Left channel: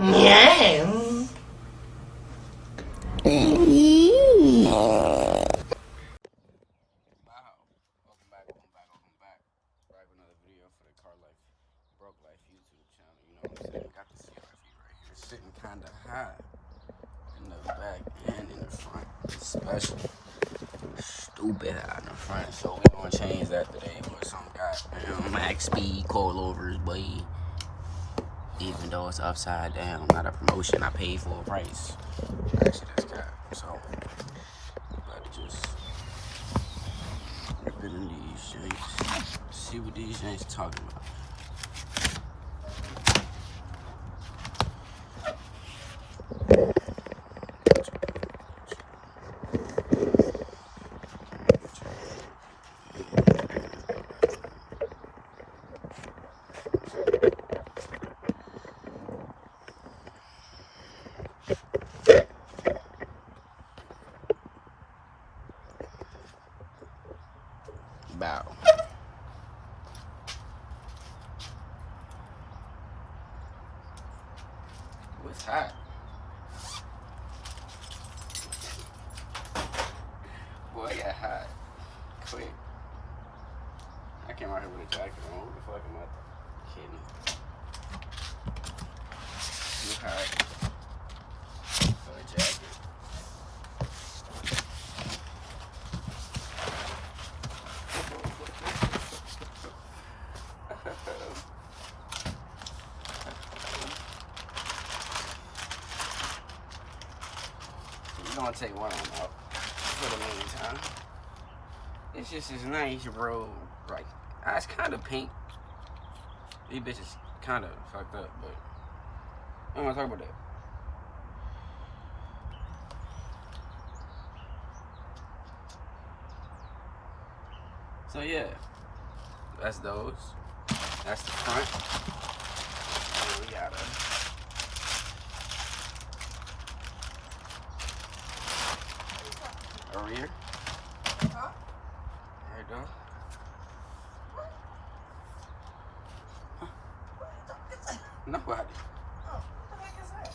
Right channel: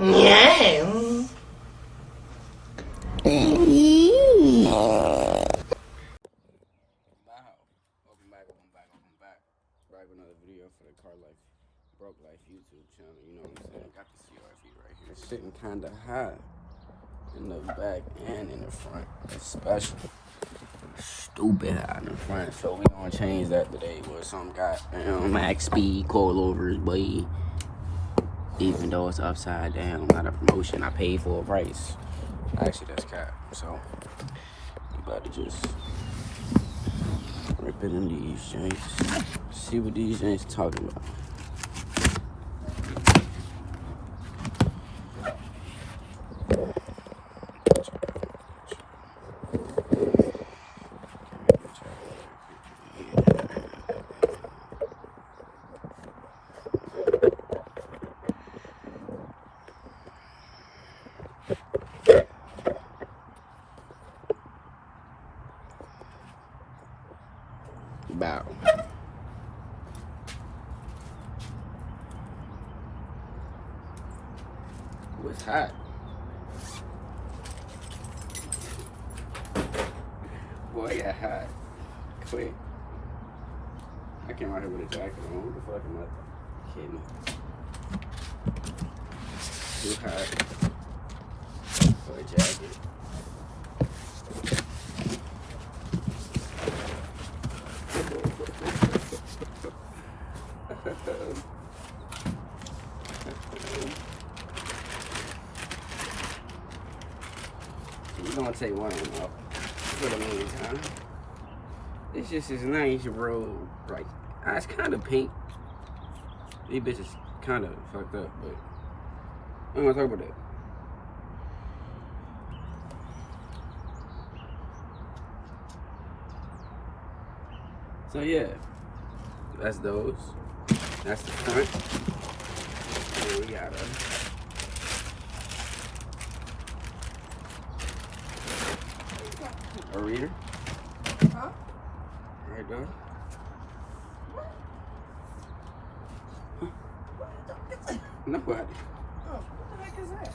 Yeah. Welcome back. Back with another video for the Car Life Broke Life YouTube channel. You know what I'm saying? Got the CRV right here, sitting kind of high in the back and in the front. It's special. Stupid high in the front. So we gonna change that today with some goddamn max speed coilovers, boy. Even though it's upside down, not a promotion, I paid for a price. Actually, that's cap. So we about to just rip it in these joints. See what these joints talking about. Bow. It's hot. Boy, it got hot. Quick. I came out here with a jacket on. What the fuck am I kidding? Too hot for the jacket. We're gonna take one off for the meantime. It's just this nice road, like it's kind of pink. These bitches kind of fucked up, but I don't want to talk about that. So yeah, that's those. That's the front. And we got a rear. Huh? Right there. Nobody. Oh, what the heck is that?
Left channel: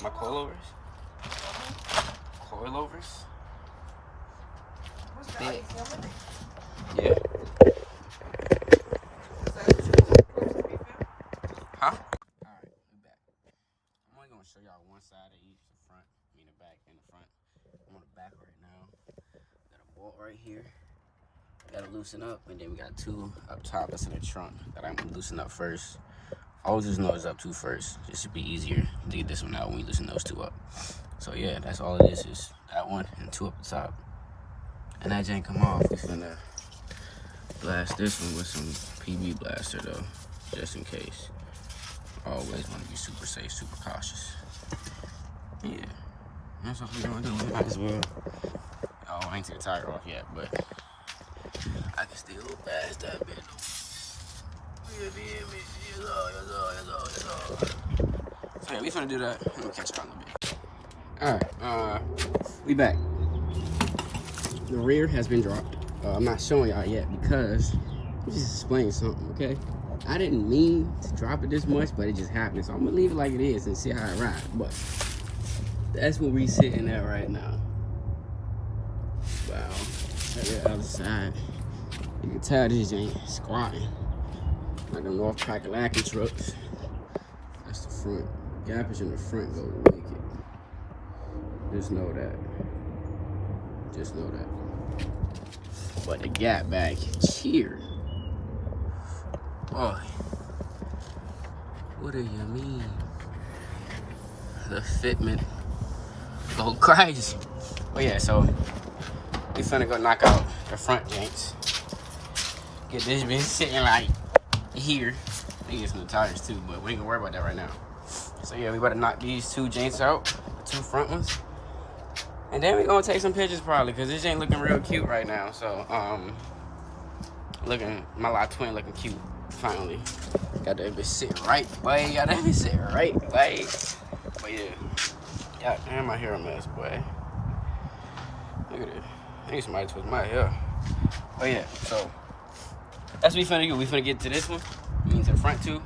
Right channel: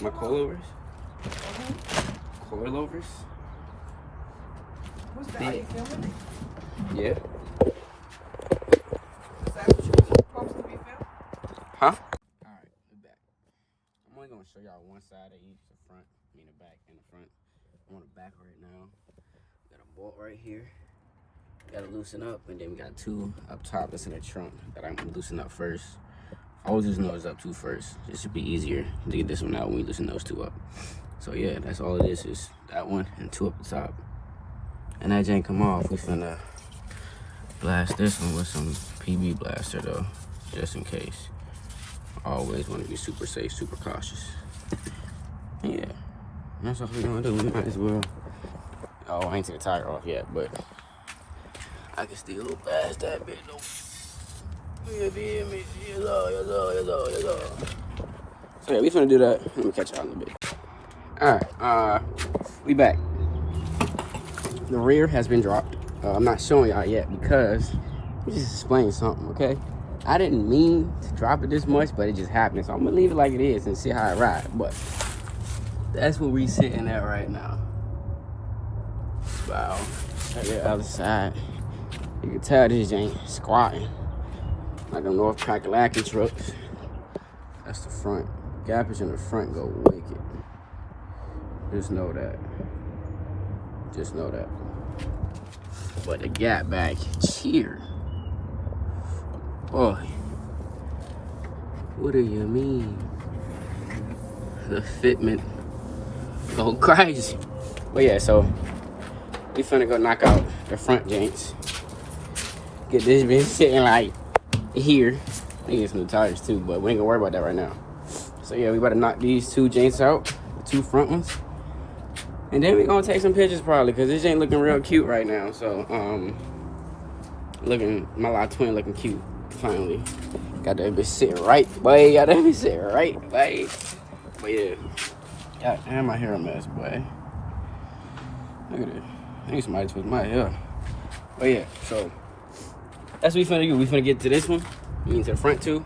My coilovers. Coilovers. What's that? Are you filming me? Yeah. Is that what you're supposed to be filming? Huh? Alright, we're back. I'm only gonna show y'all one side of each, the front, the back, and the front. I'm on the back right now. Got a bolt right here. Gotta loosen up, and then we got two up top that's in the trunk that I'm gonna loosen up first. I always loosen those up two first, just to be easier to get this one out when we loosen those two up. So yeah, that's all it is that one and two up the top. And that jank come off, we finna blast this one with some PB blaster though, just in case. Always want to be super safe, super cautious. Yeah, that's all we're gonna do. We might as well. Oh, I ain't take the tire off yet, but I can still blast that bitch though. So yeah, we finna do that. Let me catch y'all in a bit. Alright, we back. The rear has been dropped. I'm not showing y'all yet because let me just explain something, okay? I didn't mean to drop it this much, but it just happened. So I'm gonna leave it like it is and see how it rides. But that's what we sitting at right now. Wow. Check the other side. You can tell this ain't squatting. Like them North Kakalaki trucks. That's the front. Gappers in the front go wicked. Just know that. Just know that. But the gap back here. Boy. What do you mean? The fitment go crazy. But yeah, so we finna go knock out the front janks. Get this bitch sitting like here. I think it's some tires too, but we ain't gonna worry about that right now. So yeah, we better knock these two janks out, the two front ones. And then we gonna take some pictures probably, cause this ain't looking real cute right now. So my lot twin looking cute finally. Got that bitch sitting right, boy. Got that bitch sitting right, boy. But yeah, god damn, my hair a mess, boy. Look at it. I need somebody to twist my hair. But yeah, so that's what we finna do. We finna get to this one, I mean to the front too.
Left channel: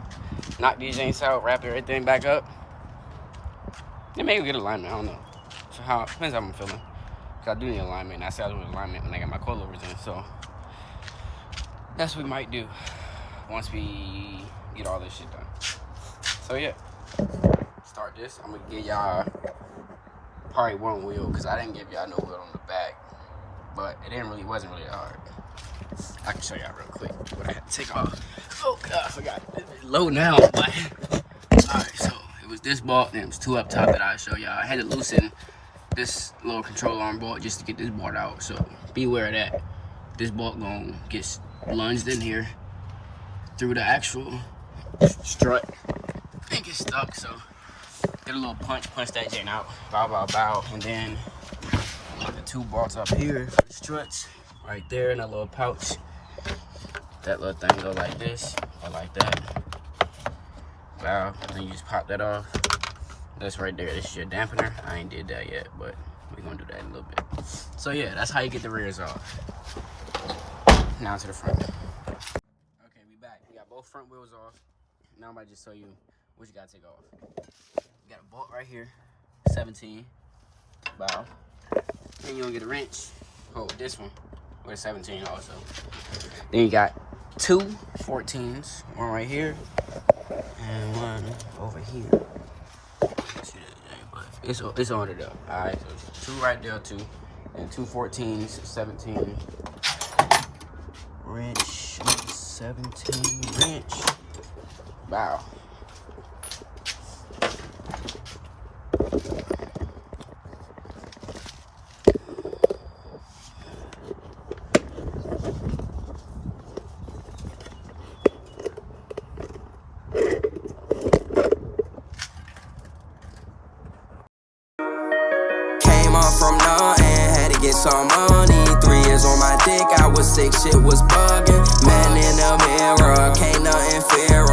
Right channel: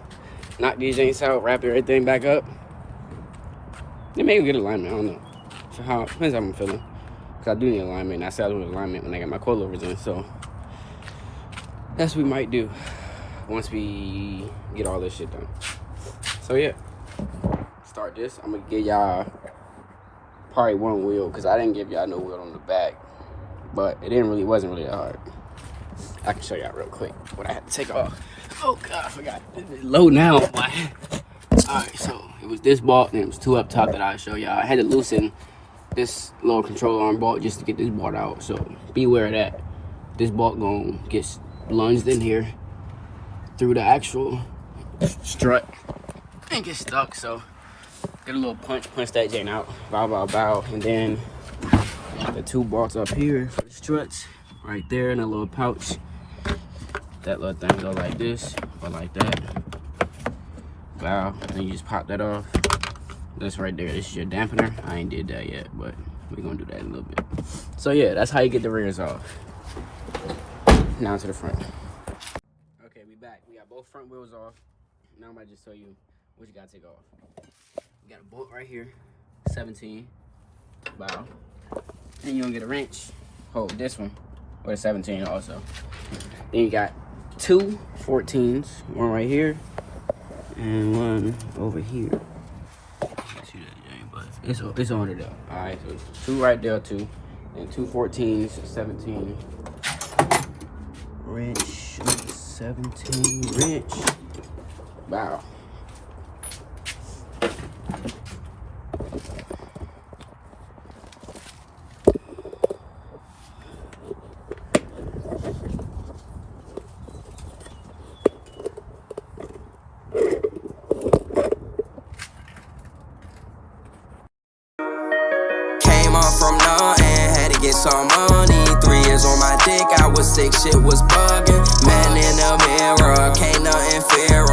Knock these joints out, wrap everything back up. Then maybe get alignment, I don't know. Depends how I'm feeling. Cause I do need alignment, and I said I do need alignment when I got my coilovers in, so that's what we might do once we get all this shit done. So yeah, start this. I'm gonna give y'all probably one wheel, cause I didn't give y'all no wheel on the back, but it wasn't really that hard. I can show y'all real quick what I had to take off. Oh god, I forgot. It's low now. Alright, so it was this bolt, and it was 2 up top that I'll show y'all. I had to loosen this little control arm bolt just to get this bolt out, so beware of that. This bolt gonna get lunged in here through the actual strut and get stuck, so get a little punch that joint out, bow, and then the 2 bolts up here for the struts, right there in a little pouch. That little thing go like this or like that. Bow, and you just pop that off. That's right there. This is your dampener. I ain't did that yet, but we're gonna do that in a little bit. So yeah, that's how you get the rears off. Now to the front. Okay, we back. We got both front wheels off. Now I'm gonna just show you what you gotta take off. You got a bolt right here, 17. Bow. Then you gonna get a wrench. Hold this one with a 17 also. Then you got 2 14s, one right here and one over here. Can't see that, but it's on it up. All right, so it's 2 right there, 2, and 2 14s, 17 wrench, 17 wrench. Wow. From nothing, had to get some money. 3 years on my dick, I was sick, shit was bugging. Man in the mirror, can't nothing fear